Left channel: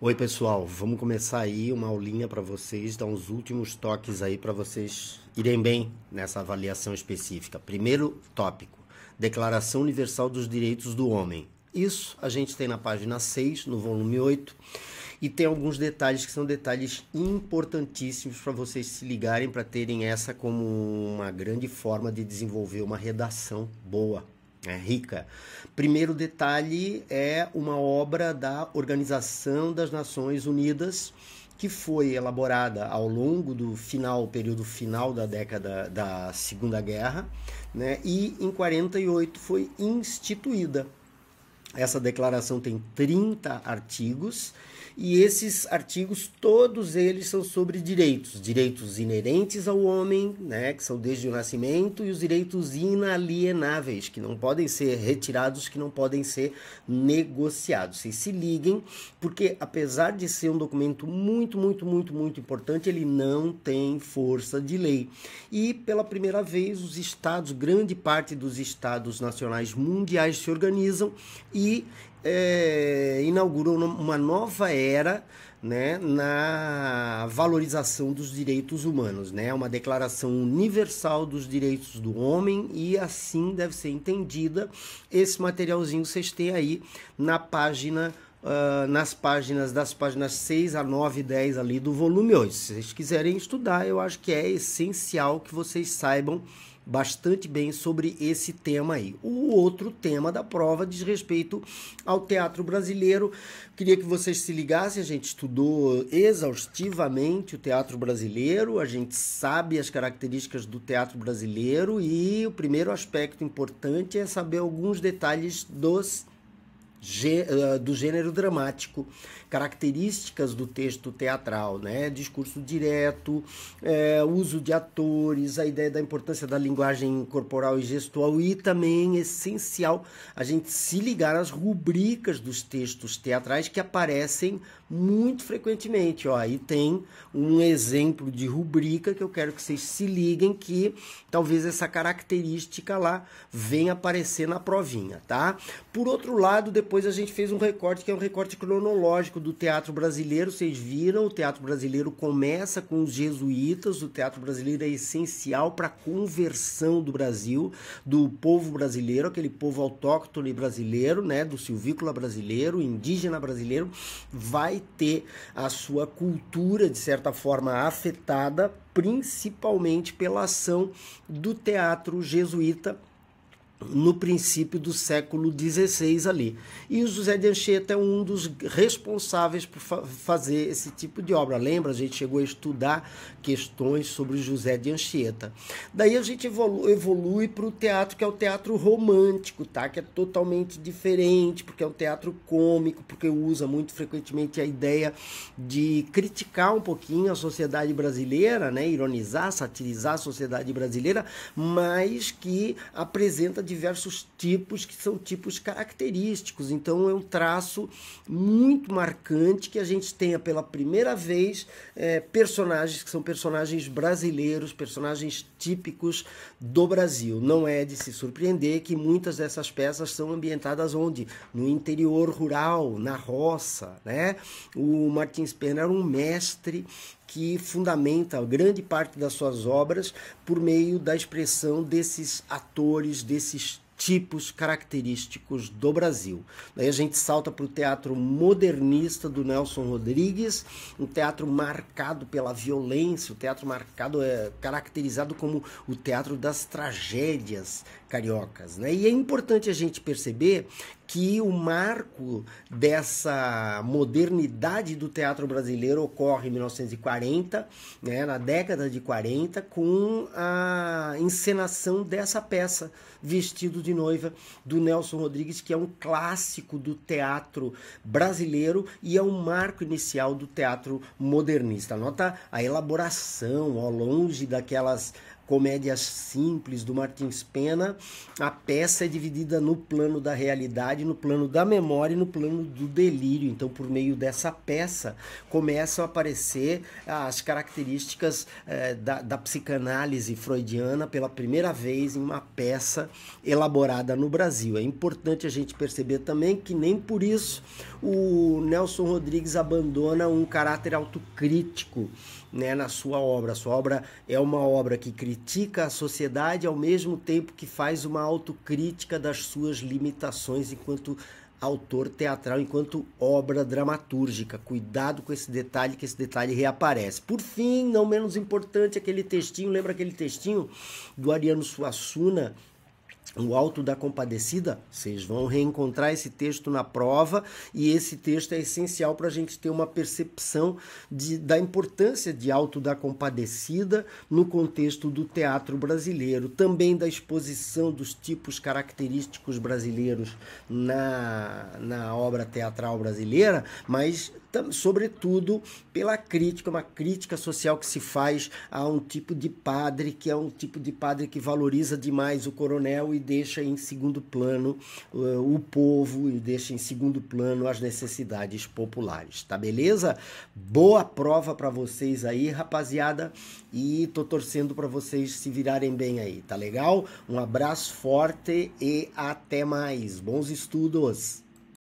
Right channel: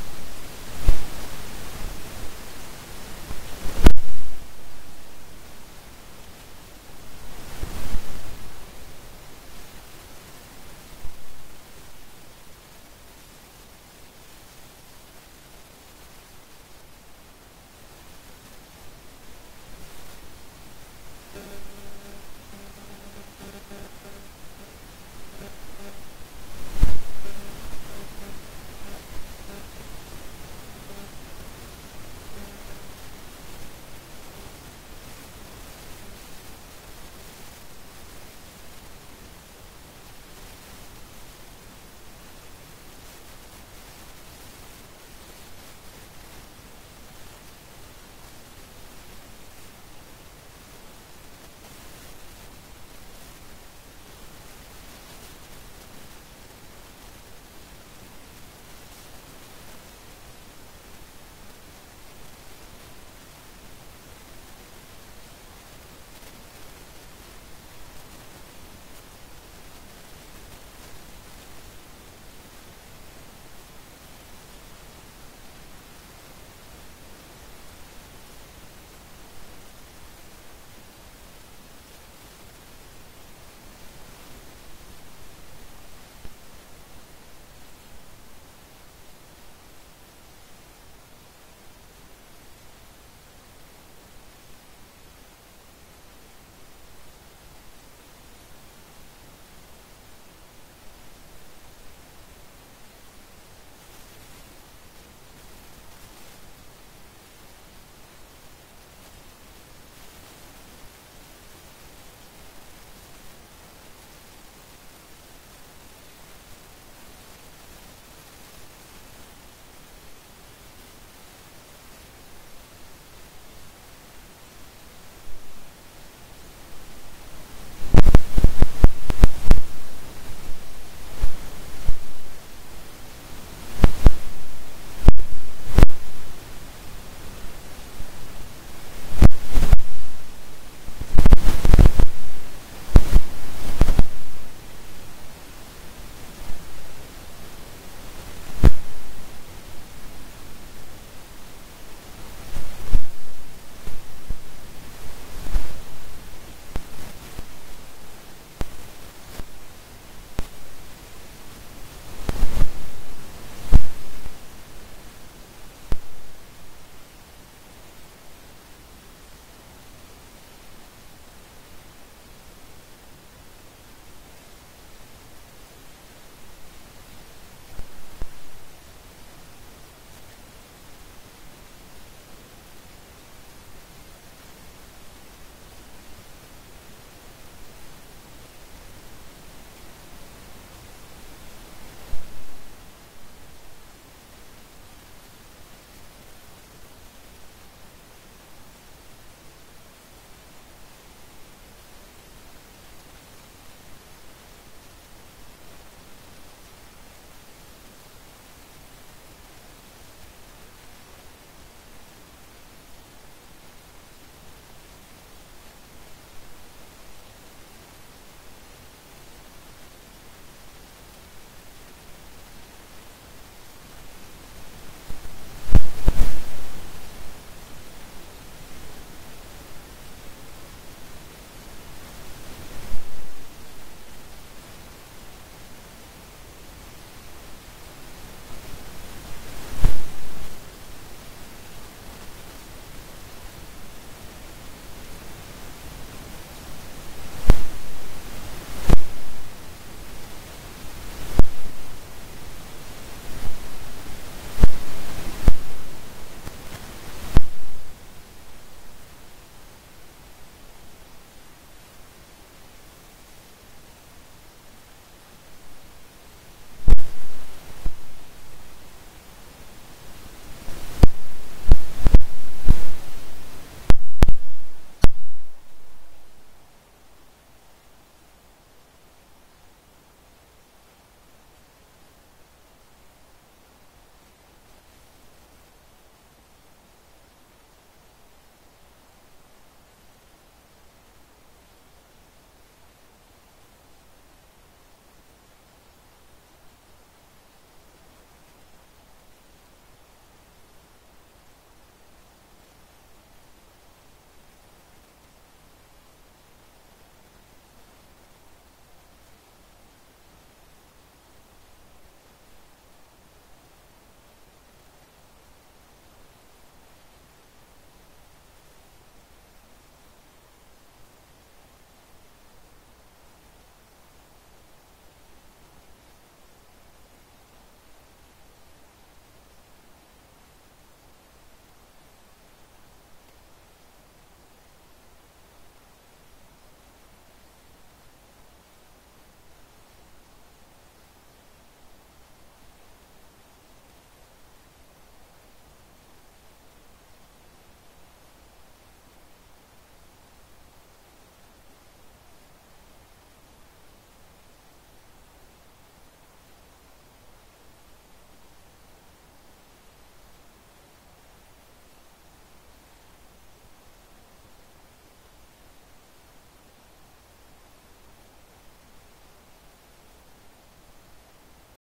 Oi pessoal, vamos começar aí uma aulinha para vocês, dar uns últimos toques aí para vocês irem bem nessa avaliação específica. Primeiro tópico, Declaração Universal dos Direitos do Homem. Isso a gente tem na página 6, no volume 8, e tem alguns detalhes que são detalhes importantíssimos para vocês se ligarem, para terem essa como uma grande forma de desenvolver uma redação boa, rica. Primeiro detalhe é uma obra da Organização das Nações Unidas que foi elaborada ao longo do período final da década da Segunda Guerra, né, e em 48 foi instituída. Essa declaração tem 30 artigos e esses artigos, todos eles são sobre direitos inerentes ao homem, né, que são desde o nascimento, e os direitos inalienáveis, que não podem ser retirados, que não podem ser negociados. Vocês se liguem, porque apesar de ser um documento muito importante, ele não tem força de lei. E pela primeira vez os estados, grande parte dos estados nacionais mundiais se organizam e inauguram uma nova era, né, na valorização dos direitos humanos, né, uma declaração universal dos direitos do homem, e assim deve ser entendida. Esse materialzinho vocês têm aí na página, das páginas 6 a 9 e 10 ali do volume 8. Se vocês quiserem estudar, eu acho que é essencial que vocês saibam bastante bem sobre esse tema aí. O outro tema da prova diz respeito ao teatro brasileiro. Queria que vocês se ligassem, a gente estudou exaustivamente o teatro brasileiro, a gente sabe as características do teatro brasileiro, e o primeiro aspecto importante é saber alguns detalhes do gênero dramático, características do texto teatral, né? Discurso direto, uso de atores, a ideia da importância da linguagem corporal e gestual, e também essencial a gente se ligar às rubricas dos textos teatrais que aparecem muito frequentemente. Ó, aí tem um exemplo de rubrica que eu quero que vocês se liguem, que talvez essa característica lá venha aparecer na provinha, tá? Por outro lado, depois a gente fez um recorte, que é um recorte cronológico do teatro brasileiro. Vocês viram, o teatro brasileiro começa com os jesuítas. O teatro brasileiro é essencial para a conversão do Brasil, do povo brasileiro, aquele povo autóctone brasileiro, né, do silvícola brasileiro, indígena brasileiro, vai ter a sua cultura, de certa forma, afetada, principalmente pela ação do teatro jesuíta no princípio do século XVI ali. E o José de Anchieta é um dos responsáveis por fazer esse tipo de obra. Lembra? A gente chegou a estudar questões sobre José de Anchieta. Daí a gente evolui para o teatro, que é o teatro romântico, tá? Que é totalmente diferente, porque é um teatro cômico, porque usa muito frequentemente a ideia de criticar um pouquinho a sociedade brasileira, né? Ironizar, satirizar a sociedade brasileira, mas que apresenta diversos tipos, que são tipos característicos. Então é um traço muito marcante que a gente tenha pela primeira vez personagens que são personagens brasileiros, personagens típicos do Brasil. Não é de se surpreender que muitas dessas peças são ambientadas onde? No interior rural, na roça, né? O Martins Pena era um mestre que fundamenta grande parte das suas obras por meio da expressão desses atores, desses tipos característicos do Brasil. Daí a gente salta para o teatro modernista do Nelson Rodrigues, um teatro marcado pela violência, o teatro caracterizado como o teatro das tragédias cariocas, né? E é importante a gente perceber que o marco dessa modernidade do teatro brasileiro ocorre em 1940, né, na década de 40, com a encenação dessa peça, Vestido de Noiva, do Nelson Rodrigues, que é um clássico do teatro brasileiro e é um marco inicial do teatro modernista. Nota a elaboração, ao longe daquelas comédias simples do Martins Pena, a peça é dividida no plano da realidade, no plano da memória e no plano do delírio. Então, por meio dessa peça, começam a aparecer as características da psicanálise freudiana pela primeira vez em uma peça elaborada no Brasil. É importante a gente perceber também que nem por isso o Nelson Rodrigues abandona um caráter autocrítico, né, na sua obra. A sua obra é uma obra que critica a sociedade ao mesmo tempo que faz uma autocrítica das suas limitações enquanto autor teatral, enquanto obra dramatúrgica. Cuidado com esse detalhe, que esse detalhe reaparece. Por fim, não menos importante, aquele textinho, lembra aquele textinho do Ariano Suassuna, O Alto da Compadecida? Vocês vão reencontrar esse texto na prova, e esse texto é essencial para a gente ter uma percepção da importância de Alto da Compadecida no contexto do teatro brasileiro, também da exposição dos tipos característicos brasileiros na obra teatral brasileira, mas sobretudo pela crítica, uma crítica social que se faz a um tipo de padre, que é um tipo de padre que valoriza demais o coronel e deixa em segundo plano o povo, e deixa em segundo plano as necessidades populares, tá beleza? Boa prova para vocês aí, rapaziada, e tô torcendo para vocês se virarem bem aí, tá legal? Um abraço forte e até mais. Bons estudos!